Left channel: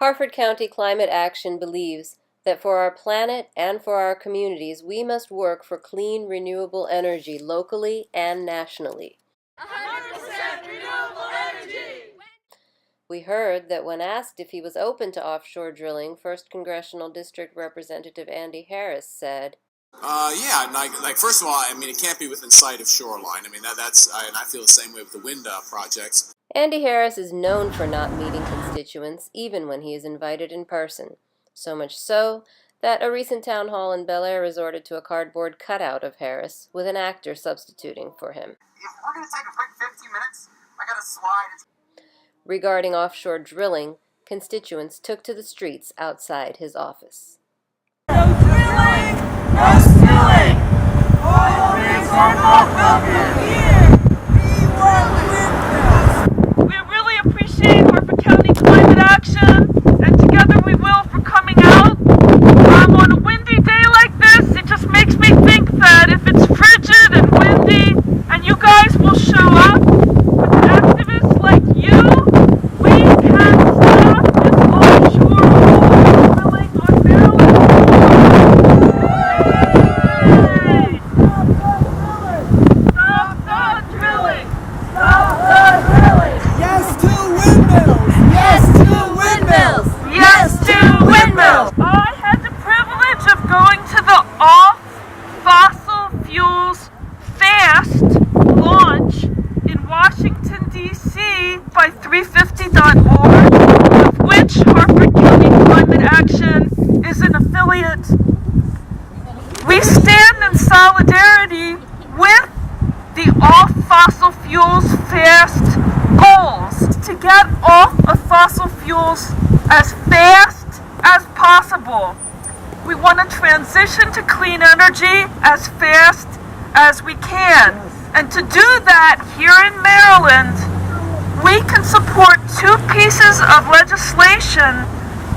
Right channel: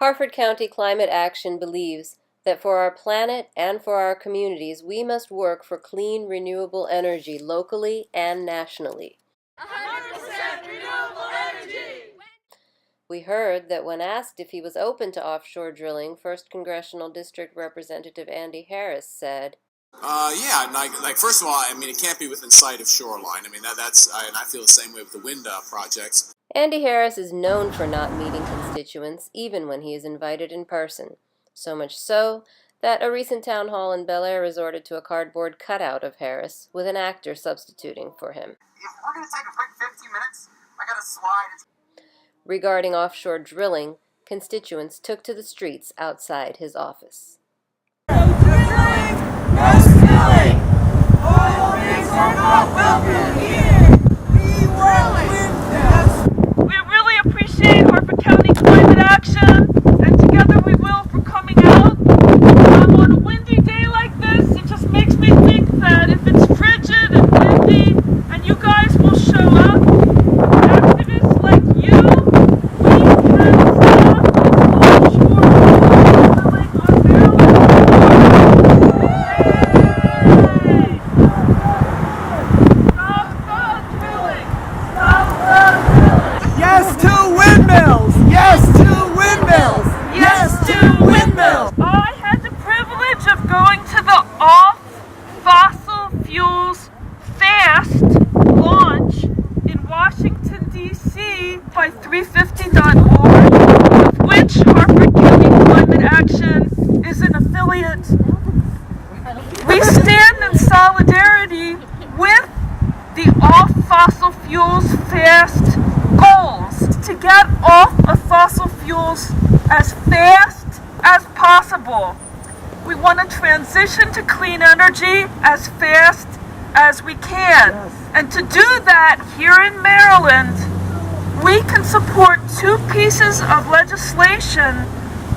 Harford County Climate Action believes that for our planet and for our communities, we must work for clean, renewable energy locally and nationally. 100% renewable energy! We heard that when asked if he was open to offshore drilling, 1st Congressional District Representative Andy Harris said, Yeah, like first of all, I mean, it can't be within sight of shoreline. I mean, and I feel the same way with the wind projects. Andy Harris is known for not meeting constituents, even when he is invited in person. So much so that a recent town hall in Bel Air resorted to a cardboard cutout of Harris, with an actor substituting for him. If we're going to take a quick 15 minutes, I got to slide. Regarding offshore drilling, constituents took to the streets outside his office. No drilling, no spilling. Oil rigs are not welcome here. We want windmills. We really appreciate Harford County Climate Action, and together we will, for coming out. On a windy day like this, it just makes me think that if it's frigid and windy, and you guys will show up with activists like you, we can stop this offshore oil drilling on Maryland shores. Yay! Stop the drilling! Stop the drilling! Yes to windmills! Yes to windmills! Yes to windmills! I had the privilege of going to the Off Fossil Fuels Fast launch in Washington, D.C. by 350.org, of which Harford County Climate Action is an affiliate. We stand in solidarity with the Off Fossil Fuels Fast goals to get off of fossil fuels as fast as possible. We want to transition to clean energy as fast as we can. And to do that here in Maryland, we can support 2 pieces of legislation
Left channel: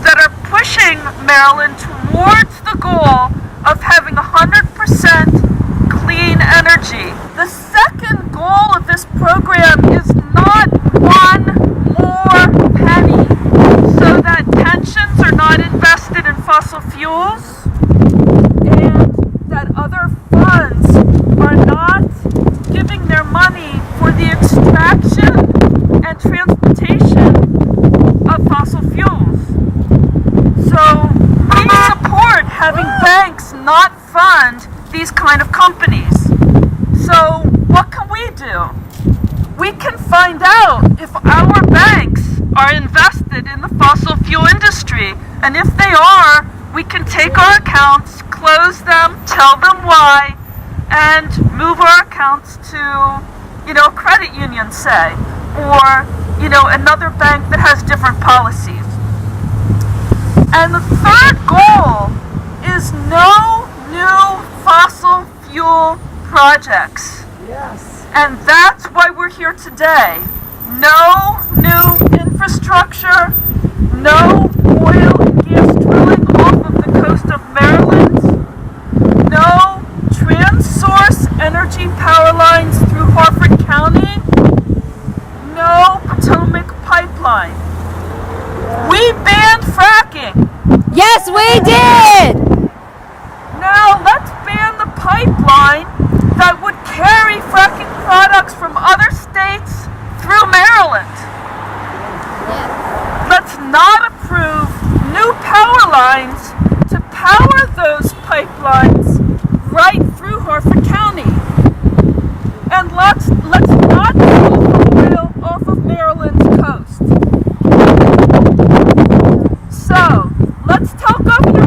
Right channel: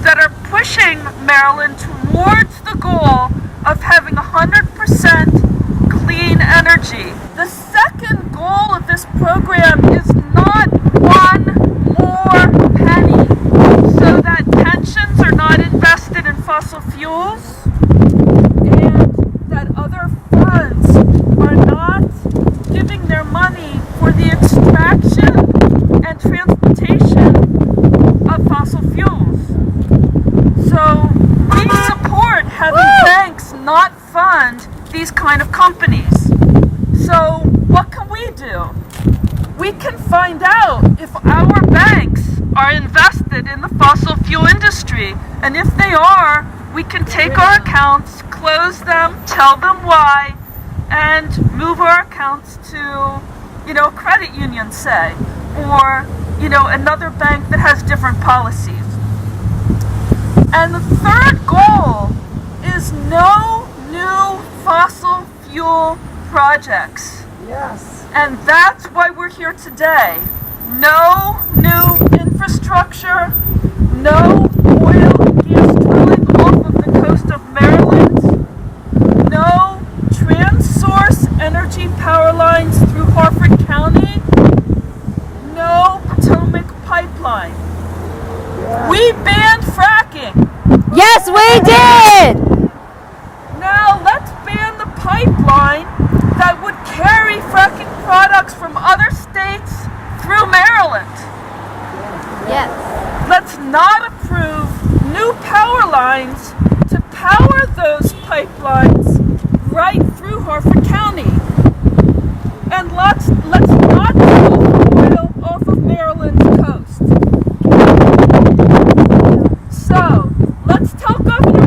that are pushing Maryland towards the goal of having 100% clean energy. The second goal of this program is not one more penny, so that pensions are not invested in fossil fuels and that other funds are not giving their money for the extraction and transportation of fossil fuels. So we support having banks not fund these kind of companies. So what can we do? We can find out if our banks are invested in the fossil fuel industry, and if they are, we can take our accounts, close them, tell them why, and move our accounts to, a credit union, say, or, another bank that has different policies. And the third goal is no new fossil fuel projects. Yes. And that's why we're here today. No new infrastructure, no oil and gas drilling off of the coast of Maryland, no trans-source energy power lines through Harford County, no Potomac pipeline. We banned fracking. Yes, we did! Now let's ban the pipeline that would carry fracking products from other states through Maryland. Yes. Let's not approve new power lines to power those pipelines right through Harford County. And let's not drill for oil off of Maryland's coast. So, let's tell Governor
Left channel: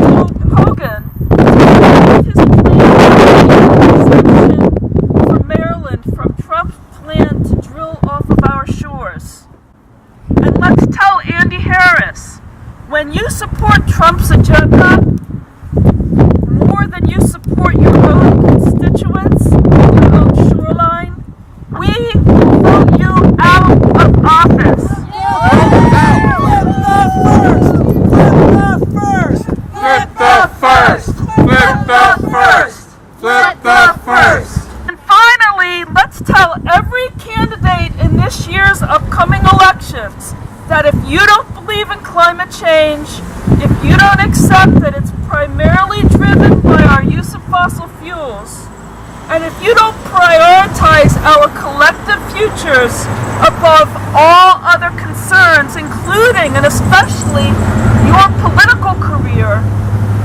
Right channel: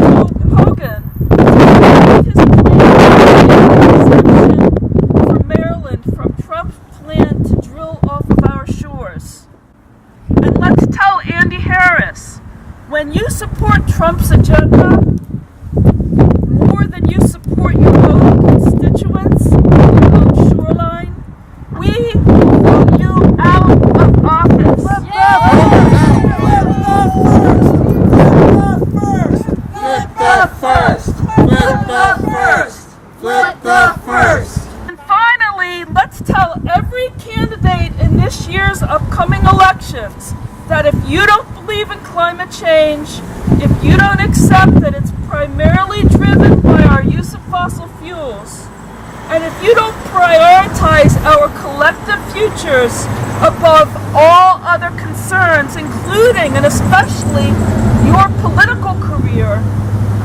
Hogan to his plan to make an exemption for Maryland from Trump's plan to drill off of our shores. And let's tell Andy Harris, when you support Trump's agenda more than you support your own constituents, your own shoreline, we will vote you out of office. Flip the first! Flip the first! Flip the first! Flip the first! And finally, let's tell every candidate in this year's upcoming elections that if you don't believe in climate climate change if you don't accept that it's primarily driven by our use of fossil fuels, and if you don't prioritize our collective futures above all other concerns, including and especially your political career,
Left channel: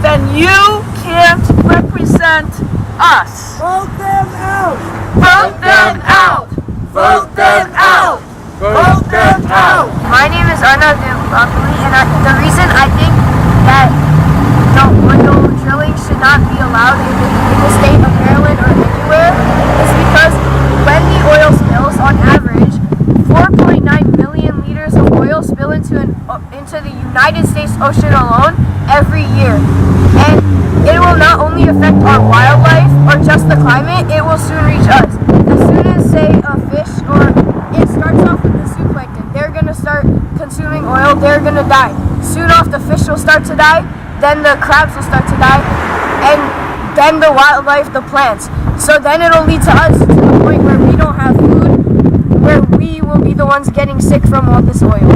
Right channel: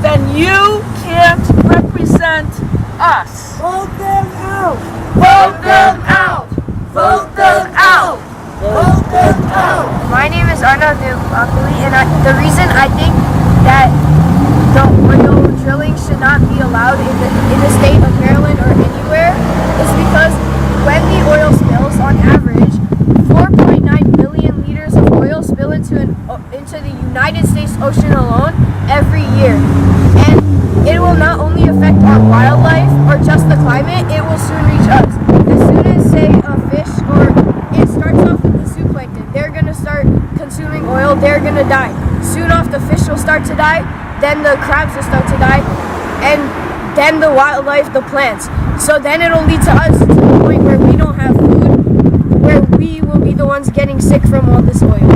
then you can't represent us. Vote them out! Vote them out! Vote them out! Vote them out! My name is Arnav Dubakuli, and the reason I think that the oil drilling should not be allowed in the state of Maryland or anywhere is because when the oil spills, on average, 4.9 million liters of oil spill into the United States Ocean alone every year. And it will not only affect our wildlife or just the climate, it will soon reach us. As soon as, say, a fish, or it starts off with the zooplankton, they're going to start consuming oil, they're going to die. Soon off, the fish will start to die, then the crabs will start to die, and then the wildlife, the plants. So then it'll lead to us, to the point where we don't have food, where we will be the ones getting sick from all this oil.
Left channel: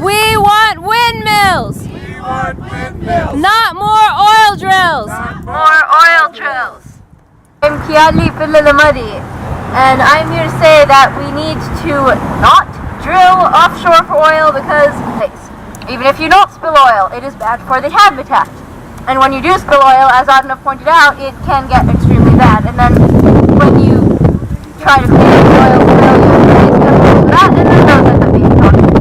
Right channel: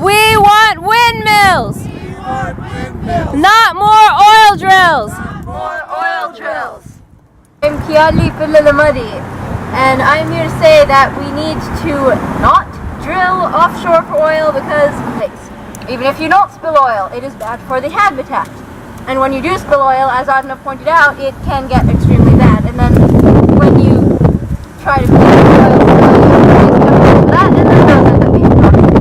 We want windmills! We want windmills! Not more oil drills! More oil drills! I'm Kiali Pilalamadi, and I'm here to say that we need to not drill offshore for oil because even if you don't spill oil, it is bad for the habitat. And when you do spill oil, as Adnav pointed out, it can get extremely bad. And then when you try to clean up the oil spill, you have to release chemicals for that, and then those end up being toxic.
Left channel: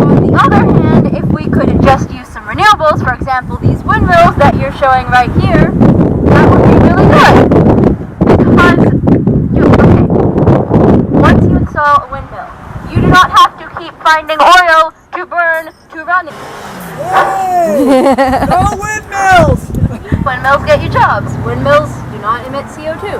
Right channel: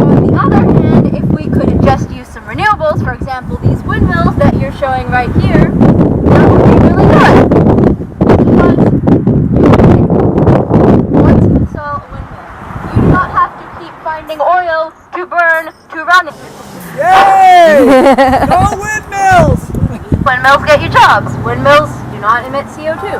On the other hand, if we could just use some renewables, for example, these windmills that you're showing right here, that would be really good. Because, once you install a windmill, you do not have to keep finding oil to burn to run it. Yay! No windmills! Windmills get you jobs. Windmills do not emit CO2.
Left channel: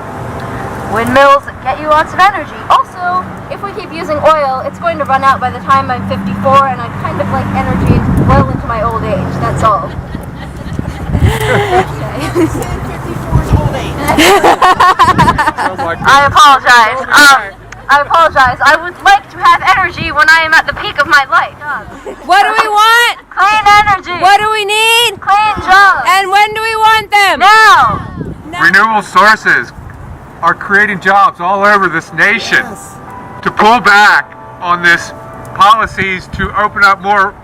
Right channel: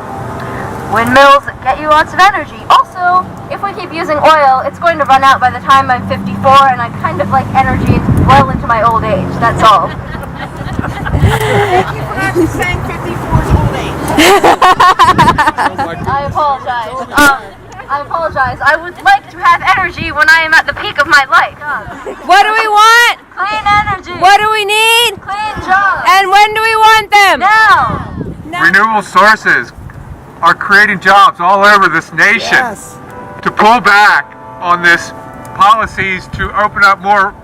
Windmills get you lots of energy. Also, if we keep using oil, it's going to run out by the time I'm 54, and I kind of like energy well into my old age. That's all. Saying 54's old age. I apologize. I apologize. I would like to have energy when I am at the peak of my life. What do we want? Clean energy. What do we need? Clean jobs. And when do we want them? Now. Renewable sources are creating jobs all over this nation. Yes. To pull back on this policies to open up more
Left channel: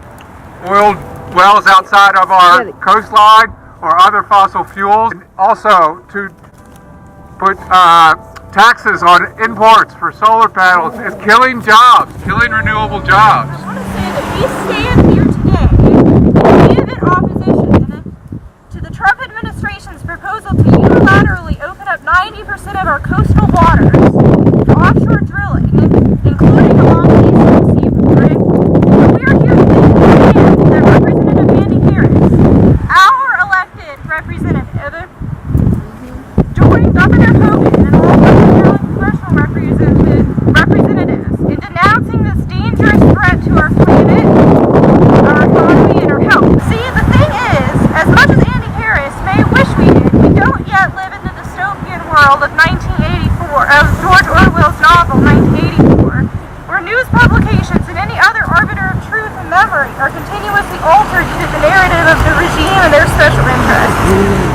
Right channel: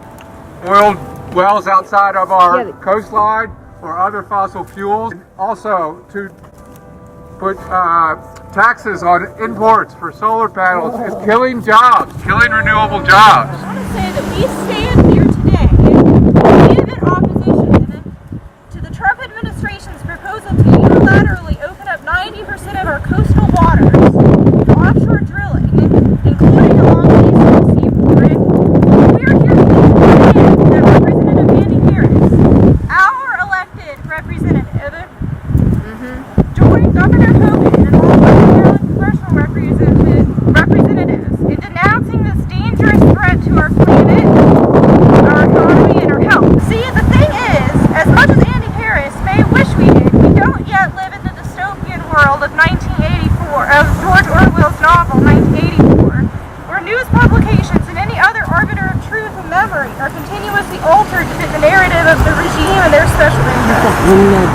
oil wells outside of our coastline or other fossil fuels, and also to put taxes on imports for solar panels is killing jobs, killing renewable jobs. I want to say that we stand here today in vehement opposition to the Trump administration's proposal to unilaterally open up 90% of our coastal waters to offshore drilling, including along the eastern seaboard. And we are here today to stand that Representative Andy Harris, our elected representative, joined Governor Hogan and all other Maryland congressional representatives in denouncing this dangerous threat to our planet, our economy, and our health. See, the thing is, as much as Andy Harris may wish we did, we don't yet live in the dystopian world of 1984, of George Orwell's novel 1984, where news publications and any other arbiter of truth and memory are continuously altered to fit the narrative of the regime and their special interests.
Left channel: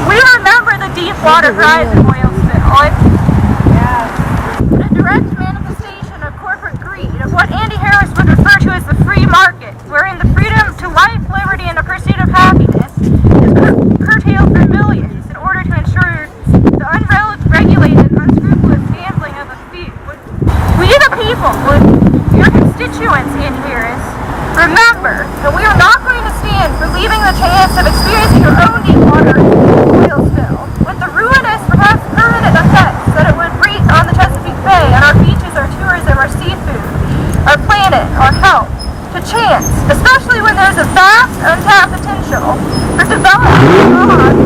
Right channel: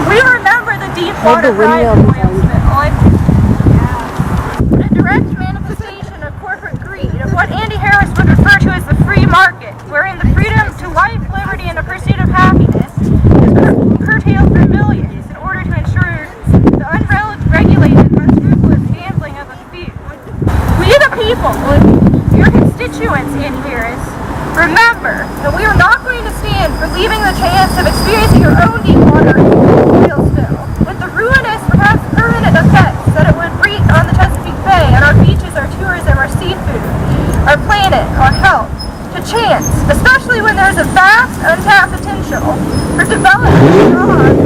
We remember the Deepwater Horizon oil spill. A direct manifestation of corporate greed, of what Andy Harris would refer to as the free market, wherein the freedom to life, liberty, and the pursuit of happiness is curtailed for millions in order to ensure the unregulated, unscrupulous gambling of a few. We the people, your constituents, Andy Harris, remember that we are not going to stand for leaving the chance of experiencing your own Deepwater oil spill, with the ruinous, perhaps permanent effects that it would wreak on the Chesapeake Bay, on our beaches, our tourism, our seafood, our planet, our health, to chance, especially when there's a vast, untapped potential for development jobs,